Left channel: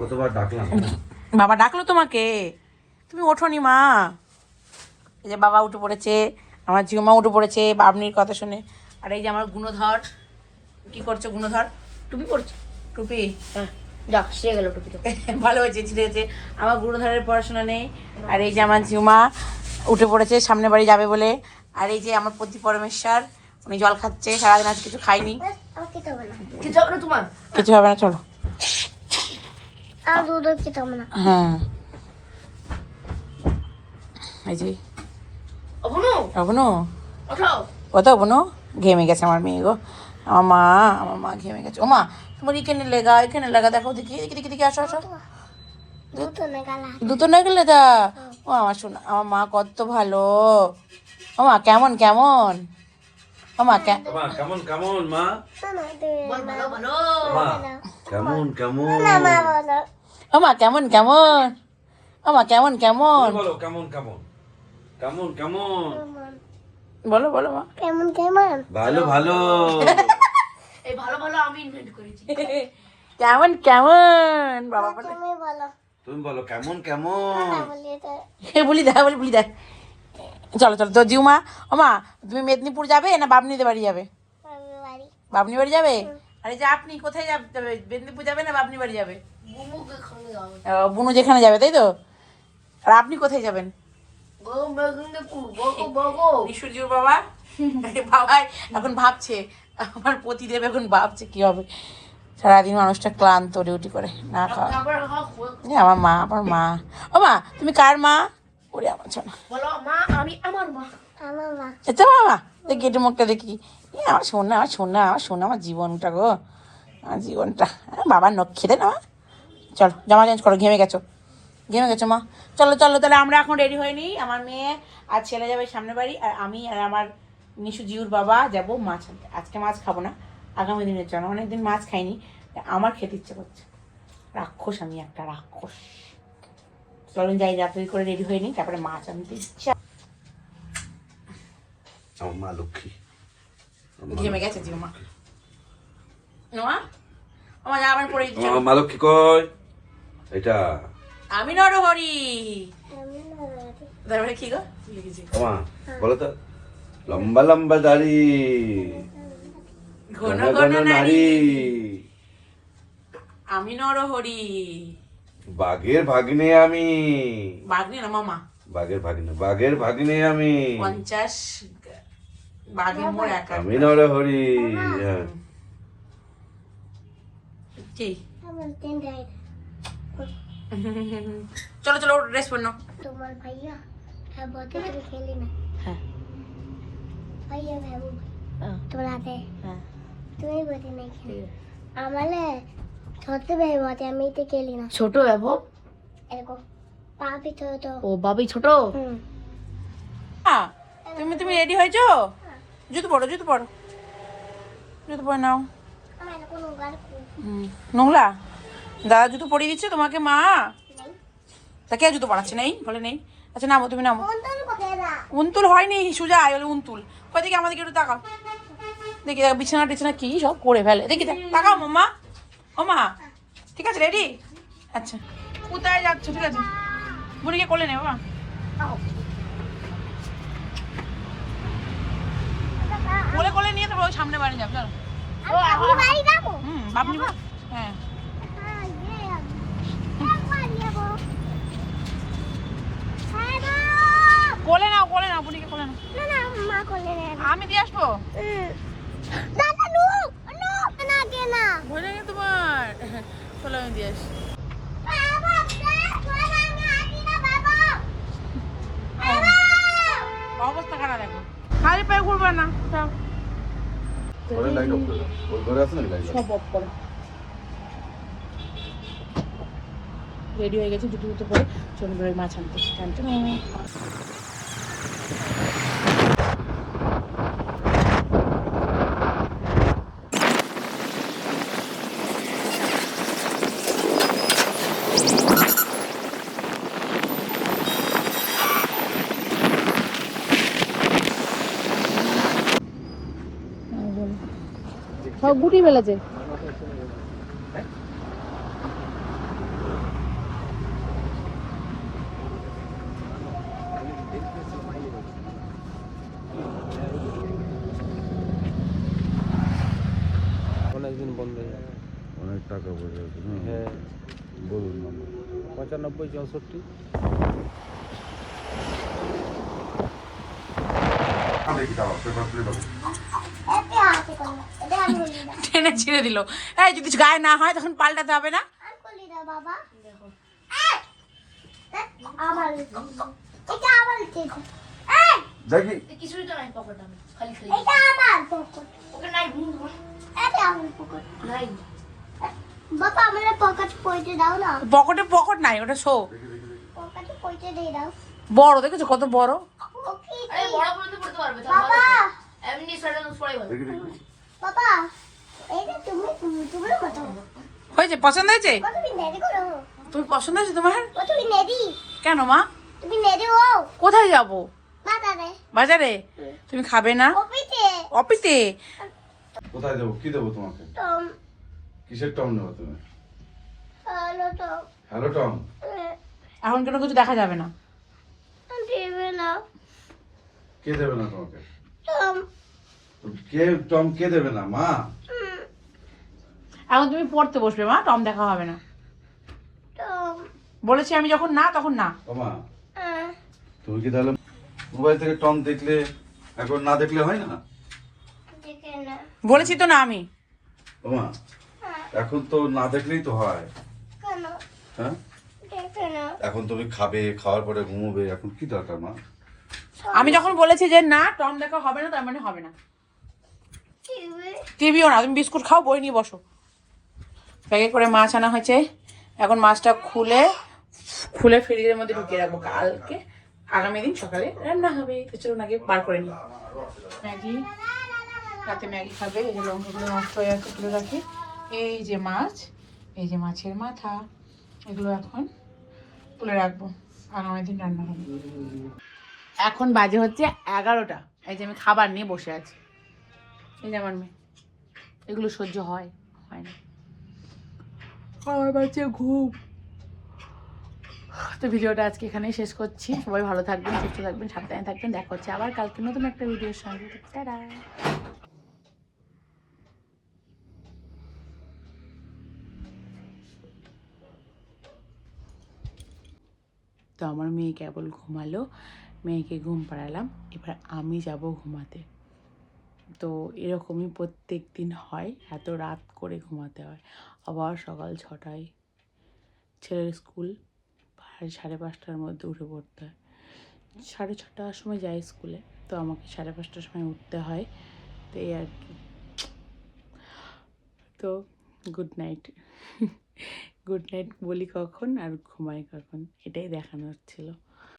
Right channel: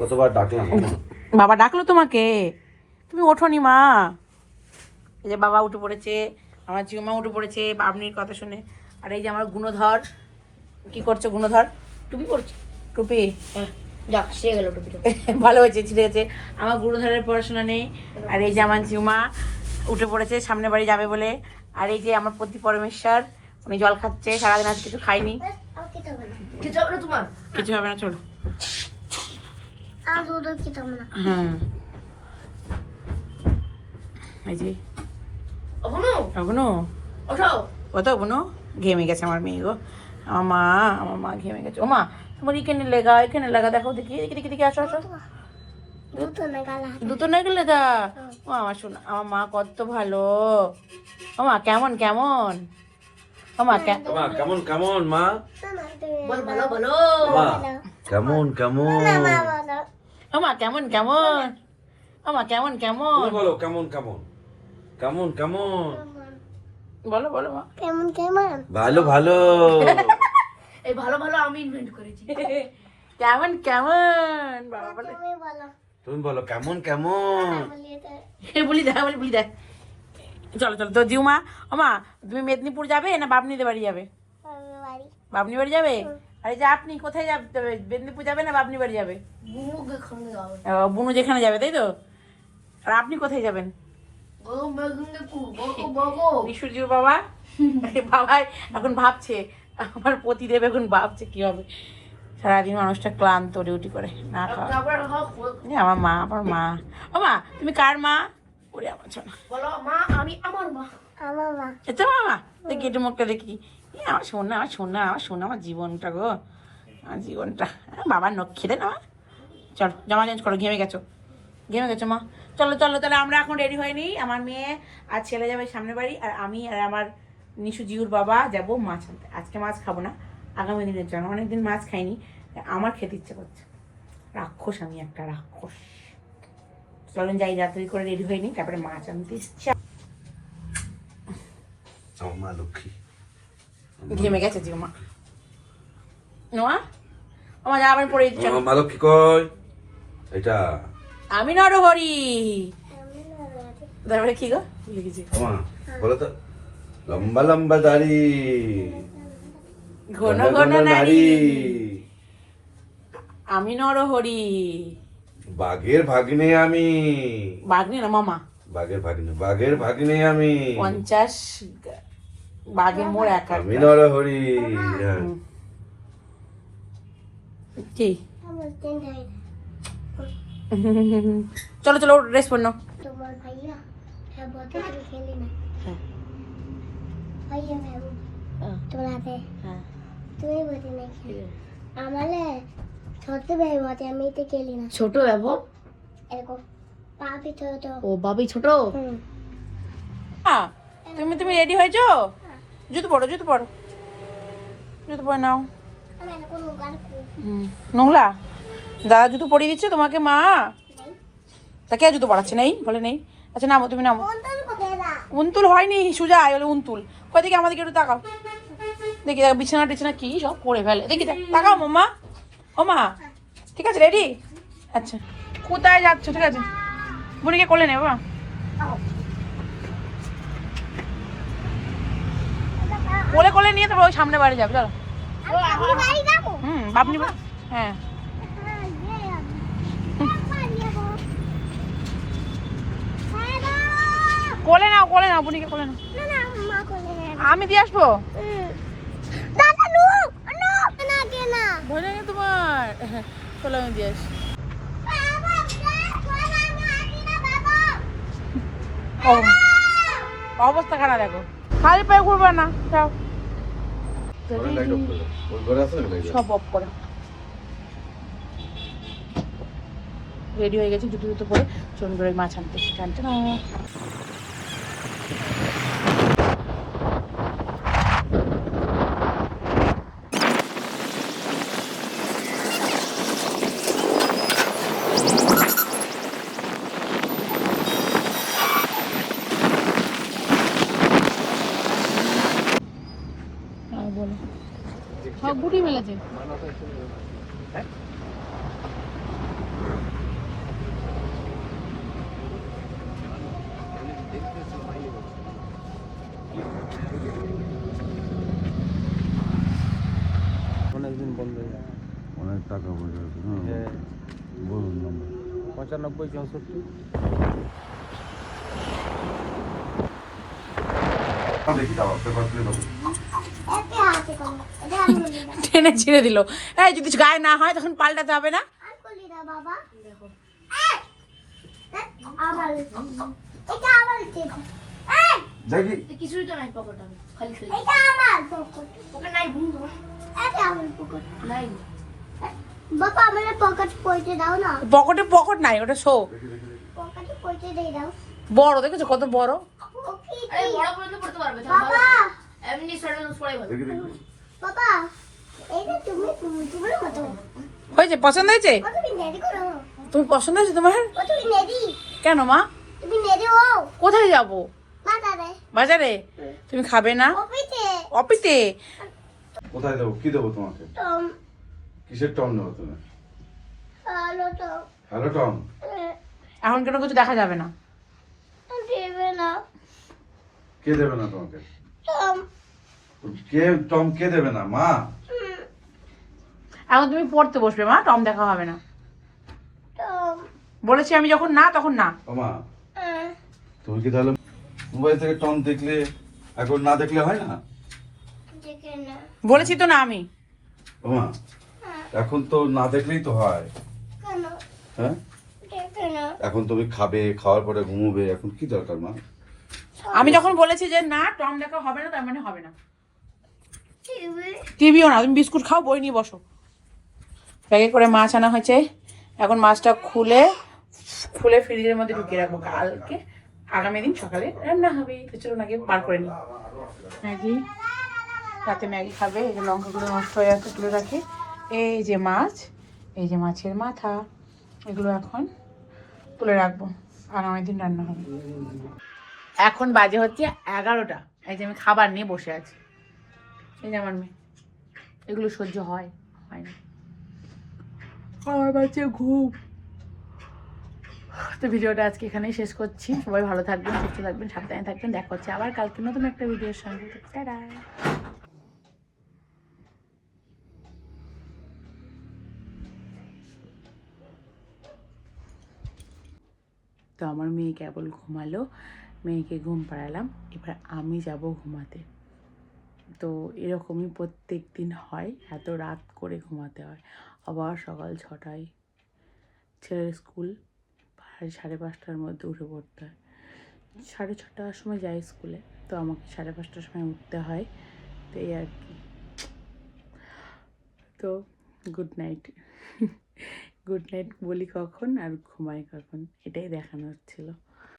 কতবার ডাকলাম, বাবা ডাকলো তোমাকে, তুমি ওঠোনি মা। এই যে বাবা উঠে পড়েছে, আমার জিউমা উঠে পড়েছে বাবনির কথা শুনে। আর এই যে আমার গুণধর, কি করছো গুণধর? টুপি পড়ছে, টুপি যাক ছিঁড়ে গেল টুপিটা। ভালো হয়েছে, ছিঁড়ে গেছে। আমার গুণধরের পড়াশোনা নেই। আর এই যে আমার জিউমা উঠে পড়েছে সামনে বাড়ি যাবে বলে। আর এই যে আমার পতি পরমেশ্বর, উনি জল খাচ্ছে, সারাদিন আজ কিছু খাইনি। কিছু হবে না তোমার? কিছু হবে না, চলো। হ্যাঁ এই যে অবনু, কত অবনু ঘেমে গেছে আমার মেয়ে গো। আমার মা ঘেমে গেছে। ও মা, তোমার এখানে লেগা দেখো, দেখি দেখি দেখি দেখি, আসো আসো। দুটো না গেলে দা। ও আমার শোনা, আমার মা কত ভালো। ও মা কেমন কেমন, ও মা কেমন কেমন মা, বল ভালো ভালো। কেমন কেমন, ও মা কেমন কেমন, ও মা কেমন কেমন, কেমন কেমন কেমন কেমন, বলো বলো মা। কেমন কেমন, ভালো ভালো। এই ভালো ভালো আমি ইনভেন্ট করেছি। কেমন কেমন বাবা বলে, তুমি বলো। তুমি বলো কেমন কেমন। বলি দেখ। চলো চলো তো জিউমা। ও মা, তুমি মেদিনীপুর যাবে না বাবনিদের বাড়ি যাবে? বাবনি বাড়ি যাবে। আরে যে আপনি কোথায় যাবে, মেদিনীপুর যাবে না বাবনি বাড়ি যাবে? বুনুকে খামে যাবে। বুনু যেখানে যাবে তাই তো। আর আপনি কোথায় যাবেন? নিশুজির বাবা বাবাই এখন ভাবছে, আমার পতিদেব এখন ভাবছে কি হবে। সারাদিন মানুষটা ক্লান্ত, ডিউটি করে না খাওয়া। আমার মা। ও মা, তুমি কার মা? ওরে আমার ছোনা, বলো মা, আমি আমার মা। আমার মা। এটা মামা দেখি, একটু মুখটা দেখি। আমার সোনা আমার জীবনটা গো, আমার জীবনটা। বাবার নখ খেতে না। চলো জামা চেঞ্জ করো, ঘেমে গেছো মা। চলো তাহলে আমরা এখন রেডি হয়ে নিই। আমার মেয়ে আর ছেলে যাবে সামনে বাড়ি, আর আমি আর আমার নিশু জিউর বাবা যাবো মাছ আনতে। আজকে মাছ খাবো না, আগামী দিনের জন্য। অনেকদিন মাছ খাইনি, আমার খেতে ইচ্ছে করছে। রাক্ষস, আমি একটা রাক্ষস। চলেন যাই, রাত্রি করে রেডি হয়ে নিই, তারপরে মাছ আনতে ইচ্ছা। আমার মা লক্ষ্মী, ঘেমে গেছে জিউমা। আমার আবার পরে আমার মা লক্ষ্মী কই এটা? আমি নরহরি। তারপরে কি গো মা বলো তো, লম্বা লম্বা দাড়ি, ঘন ঘন ঘন ঘন নারী, নারী, আমি নরহরি। বাঘের ভাগ্নে আমি। বাঘনি না মামা, বাঘের ভাগ্নে আমি। 50 বাঘের মোড় একা। আমি নরহরি। হ্যাঁ কি আমার তিনটা। চলো ড্রেস পরনো। তোমার ভাইয়া হ্যাঁ বলতে তুমি খেলি না। হ্যাঁ ভাইয়া ভাবু তোমার হাতে হ্যাঁ তুমি বলতে নাই খেলি। আমালে ছোট ভাই বলতে আমি তো খেলি না। ছোট বাবু, এরকম পা ভিতরে তো। ও বাবি ছোট। তুমি রেডি হয়েছো? জুতো পরো নাও। আমার কোনো গান নোংলা দাদা জুতো পরিয়ে দিচ্ছে তোমাকে মা। তা কে জুতো পড়াচ্ছে? নেই বলে নেই। আচ্ছা নামো, তুমি নামো। উনতুল হয়নি, সুজা বলে উনতুল। কই দেখি আমাদেরকে একটু তাকাও, দেখি বিছানা টিছানা কি সব করে ফেলে, দেখি তাকাও মাম্মা। ও মা ঠিক আছে, রেডি? আচ্ছা কোথায় যাচ্ছ? ঠিক আছে, বুড়িকে কোলে নেবো। কোলে নিয়ে তবে ওই সামনে বাড়ি যাবে। চলো। বাপনি হ্যাঁ। কোলে নাও বুড়িকে কোলে নাও। আমি দিয়ে আসবো। ভয় লাগে তোমার? চলো আমি দিয়ে আসি। অবস্থা খারাপ দেখো, খালি পায়ে ঘুরবে না। সব অফ করে রেডি হয়ে গেছে, জুতো পরে চলে করে মাছ আনতে। টানতে না সব গুটি ফেলেছে। টাকা পয়সা আছে না? হ্যাঁ বলুন 95 64। দেখি দাও পেপার প্লে দাও এতে আছে কোনো এটা আমি বলি না টেনে ছিঁড়ে দিল। এই যদি গায়ে না হয় তখন পাল্টাতে হবে না? আর বলি না বাবা দেখো এই, দেখ, আবার এটা আমার চেয়ে দেখি কিছুই তো নাই পকেট আমি খালি খালি এটা আমার পকেট পকেট নাই বন্ধু এটা আমার পকেট নাই বাবা আমার পকেট পয়সা দাও না পকেটে পকেট নাই, ওটা শো। পকেটে পয়সা দিয়ে দাও বড় দেখেছো কত বড়? ওকে আরে বড় পর্যন্ত পড়তে পারবে তো বাবা এমনি সাড়ে পড়াই ভালো দেখি দেখি বাবা এইটা তুমি কত হয়েছে? পছন্দ হয়েছে? তুমি নেদি করো তুমি পছন্দ হয়েছে তোমার? তুমি নেদি কেন মা? তুমি নেদি ও কোথায় যাব? বাবা রে বাজারে? তুমি খাবে না? ওপিতে অপিতে? কোথায় দেবো কি দেবো তোমাকে টম কিসের টম নেবো তুমি আলো তো হ্যালো টম এখন কোনো কিছু দেখা যাবে না। দেবে না কে দেবে না তোমাকে টম টম কে দেবে না মা এখন তুমি পড়তে বসবে মা, টম দেখা হবে না। টম বলেছি আমি যখন না তখন না। ও মা তুমি কি তাহলে মোবাইল থেকে টম দেখলে এখন না দেখলে হয় না দেখে না বলেছি তো না আমি। ও মা এখন তো না দেখলেই তো হয় কেন হ্যাঁ দেখে না এখন তুমি খাবে খাওয়ার পরে ঘুমোবে এখন কি দরকার মা আমি যখন বলেছি যে না টম দেখা হবে না, তার মানে হবে না। টিভি টিভিও না, তুমি বিস্কুট খাও, বই নিয়ে বসো। প্যাকেট করে মাছ আনা হয়েছে, এখন মাছটা খুলে খুলে ফ্রিজের মধ্যে ঢুকিয়ে রাখবো, কালকে আগামী দিন সকালে রান্না হবে। তো চলুন আগে বার করে নিই। ম্যাগি, রাতে ম্যাগি খাবে। এই যে লঙ্কাগুলো নষ্ট হয়ে যাচ্ছে, তুলে রাখি। এই যে মাছ, এই যে মাছের মাথা, এগুলো এখন তুলে রাখবো, আগামী দিন রান্না হবে। এখন বাজে হচ্ছে 11টা। এই যে আমি খাবার নিয়ে বসে আছি। এই যে আমার মেয়ে, এগুলো সহ্য হয় হয় না, আমার বাচ্চা ঘুম। তো ভিডিওটা আজকে এখানেই শেষ করছি। সবাই ভালো থাকবেন, সুস্থ থাকবেন, সাবধানে থাকবেন। দেখা হচ্ছে আবার কালকে নতুন একটা ভিডিওর সঙ্গে। টাটা। তো আমার মেয়ে কেবল ঘুমালো, মেয়েকে ঘুম পাড়ালাম, এবার আমি যাব ঘুমাতে। তো এরকমই প্রত্যেক দিন হয়, এত রাত করে ঘুমাতে হয়। আবার সকাল 6টায় ছেলের স্কুল, 5:30টার মধ্যে উঠে পড়তে হয়। 6:30টার সময় যাই স্কুলে, তো আমাকে 5:30টার সময় উঠতে হয়। তো এই আর কি। তো গুড নাইট। গুড নাইট বলি কখন আর ঘুমাই কখন, এটাই দেখানো হচ্ছিলো।